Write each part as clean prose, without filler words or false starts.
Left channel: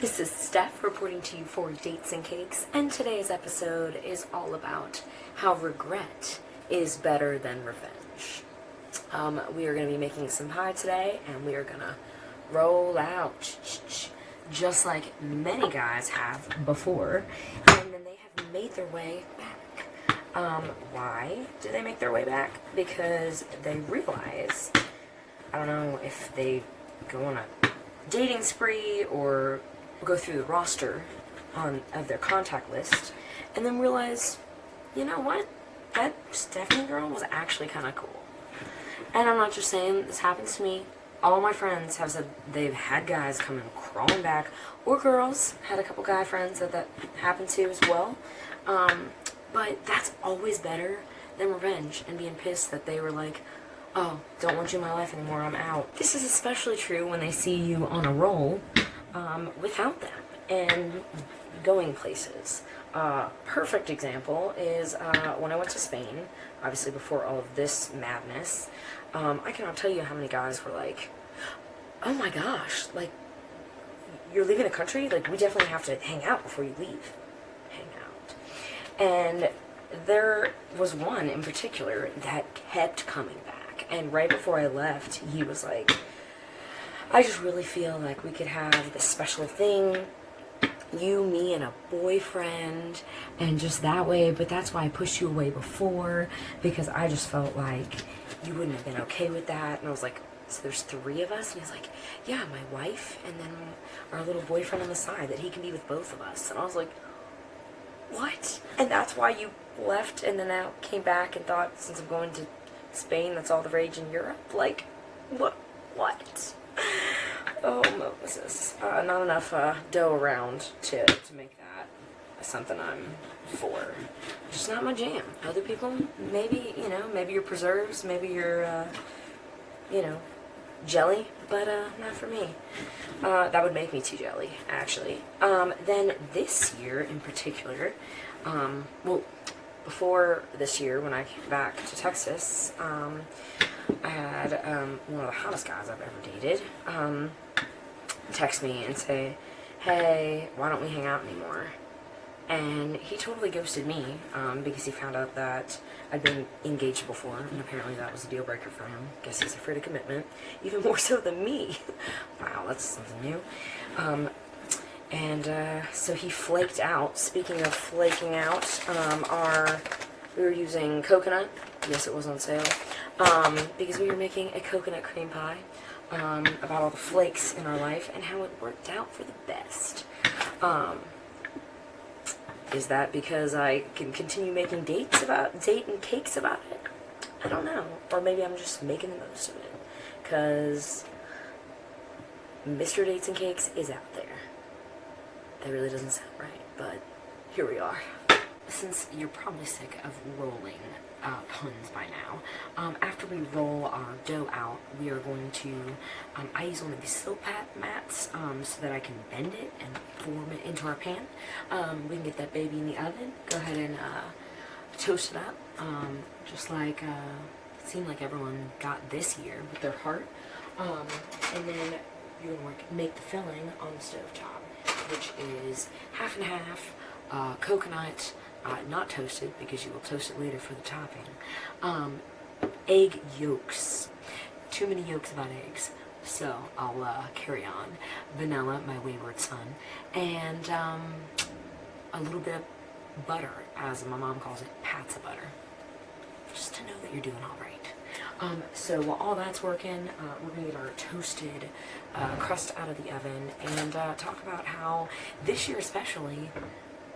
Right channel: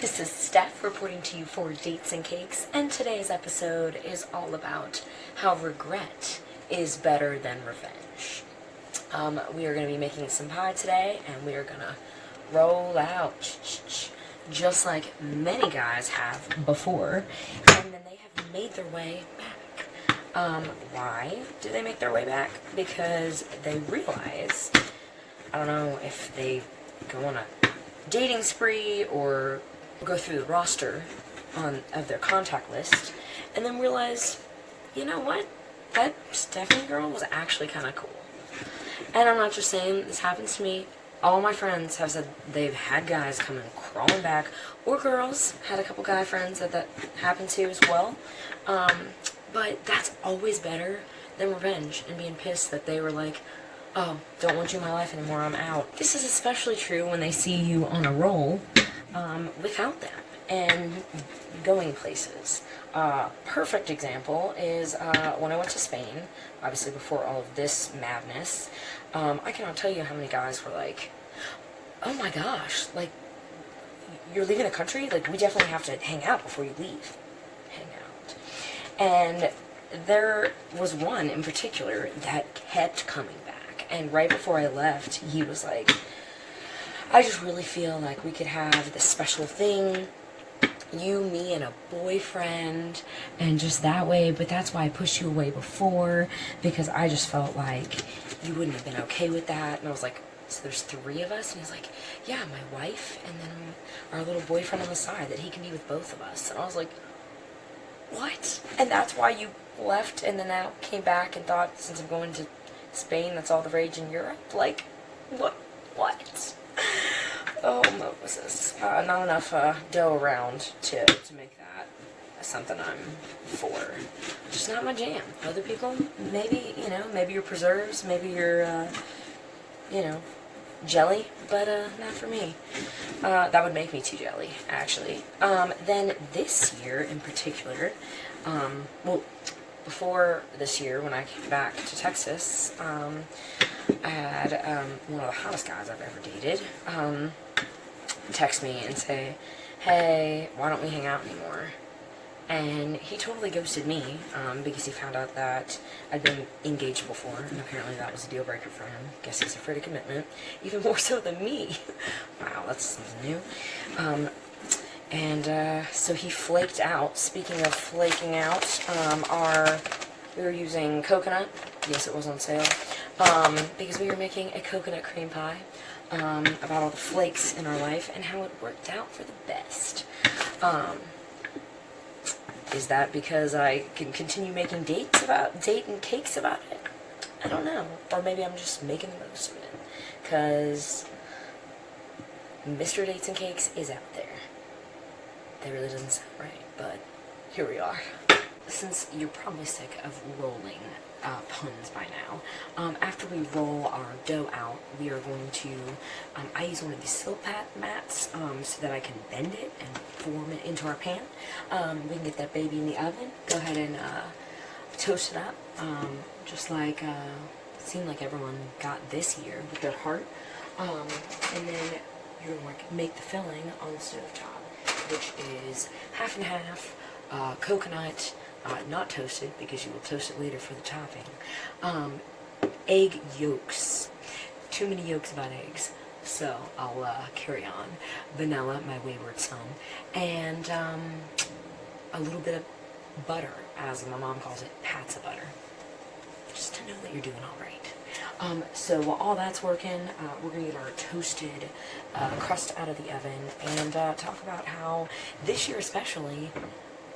This is Steph reporting to you for Dates and Cakes, and today's episode is all about how regret is better than revenge. We are going to be making some pie today, and we are going to roll out just like many guys have before, and then they have made their way back. Why do they make their way back? Because they realize, I don't know if they go on a dating spree or go through the roster of their contact list and then realize, you know what, that Stephanie girl was actually kind of cool. And I'm not just saying this happens to me. All my friends have said they've had guys come in crawling back, or girls had a couple guy friends that happened to as well. But that's always better than revenge and being pissed that they were like, oh, don't want you in my life anymore, I'm out. This is especially true when they see you on a roll without them and going places. Perfect example is when I went to Spain, obviously before all of this madness. I cannot tell you how many guys were like, oh my gosh, like, you're leaving a country? Like, we definitely have to hang out before you leave. Hang out. And there was one in particular that kept coming back. And right before I left, he was like, I just really feel like we could have this special thing, you, me, and a boyfriend, and just that way, but that's why I pushed you away before, because I just felt like you wouldn't have been okay with that. And I was like, so there's 3 of us? And he's like, yeah, my wife, and then our little boyfriend on the side, that he can be with both of us. And I was like, what? And that's why you left and then now came back and thought, since I'm going to Spain, that's all the rage in Europe? Like, what? Oh, Moses. Not enough dough around to make that something I'm for. Just not my jam. Other people, maybe, maybe you're preserves, maybe you're, jelly, but not for me. That would make me too jelly, actually. Then this year in particular, well, before this year, when I came back to Texas, I had one of the hottest guys I've ever dated text me and say, hey, why don't we hang out anymore? And he totally ghosted me because he found out that I'd been engaged before, and apparently that was a deal breaker for him. Guess he's afraid of commitment, even more so than me. Wow, that's something new. So he flaked out. Speaking of flaking out, we were using coconut. Yes, it was on sale. Because we were making a coconut cream pie about all the flakes in our life and how it worked out for the best. Is that because I can continue making date and cakes about it? I don't know. Or maybe I'm just making the most of it. Because Mr. Dates and Cakes is out there. That really doesn't sound right, but here we are. Since you're probably sick of rolling puns by now, after we roll our dough out, we are going to, I use one of these silk mats so that I can bend it and form it into our pan. We can get that baby in the oven, go ahead and toast it up, just like it seemed like everyone got this year with their heart. And then you're going to make the filling on the stove top, which is half and half coconut, not toasted because you will toast it later for the topping. Egg yolks. Too many yolks about eggs, so I'll carry on. Vanilla, my wayward son, and a little bit of butter, as my mom calls it, pats of butter, just to know that you're doing all right. So while all that's working, we're going to get our toasted crust out of the oven and talk about how this year especially,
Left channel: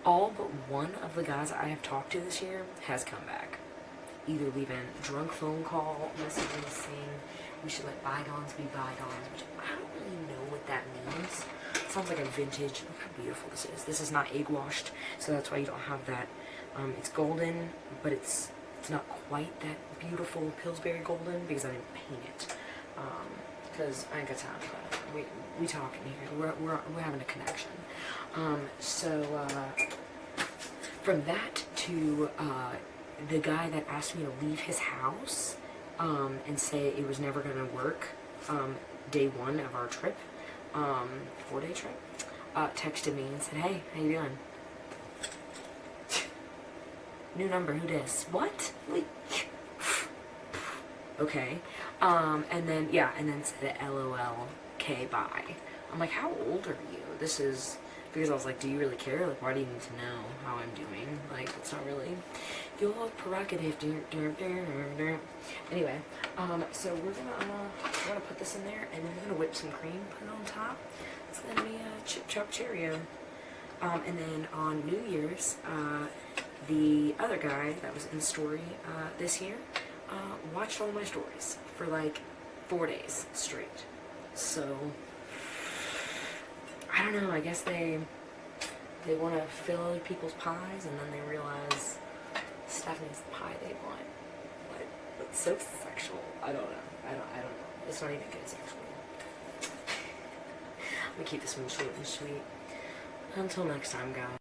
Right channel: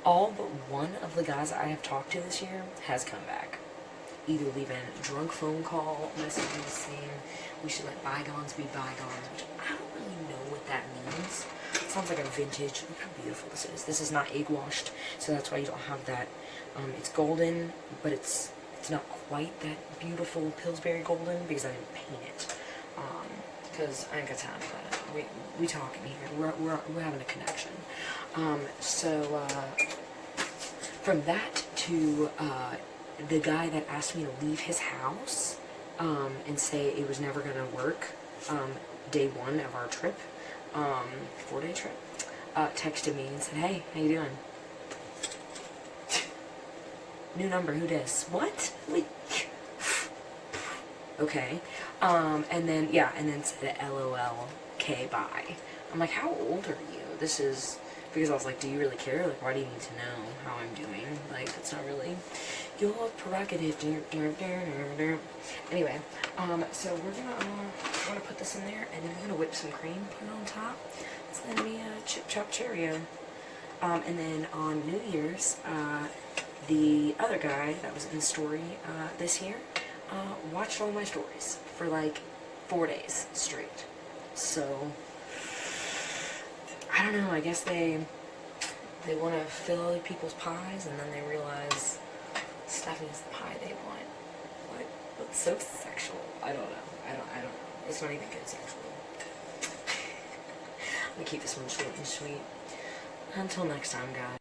all but one of the guys I have talked to this year has come back. Either leaving drunk phone call messages saying we should let bygones be bygones, which I don't really know what that means. It sounds like a vintage. Look how beautiful this is. This is not egg washed, so that's why you don't have that. It's golden, but it's not quite that beautiful Pillsbury golden because I didn't paint it. Because I ain't got time for that. We talking here. We're having a connection. From that to the guy that asked me to leave his house and say it was never going to work day 1 of our trip, 4-day trip, texted me and said, "Hey, how you doing? New number, who dis? What? Wait. Okay. And then, yeah, and then said LOL, K, bye. I'm like, how old are you? This is, because I was like, do you really care? Like, why do you need to know how I'm doing? Like, it's not really your prerogative. Anyway, so we're gonna put this in there, and then we're gonna whip some cream, put it on top. It's gonna be a chip chop Cheerio. And then on New Year's, the other guy that was in the story this year watched all my stories for like 4 days straight. So I don't know, I guess they want to fill other people's pies, and then they realize Stephanie's the pie they want. Like, that's so sexual. I don't know. I don't know. It's not even good sexual. I'm gonna keep this one short and sweet. Until next time, guys.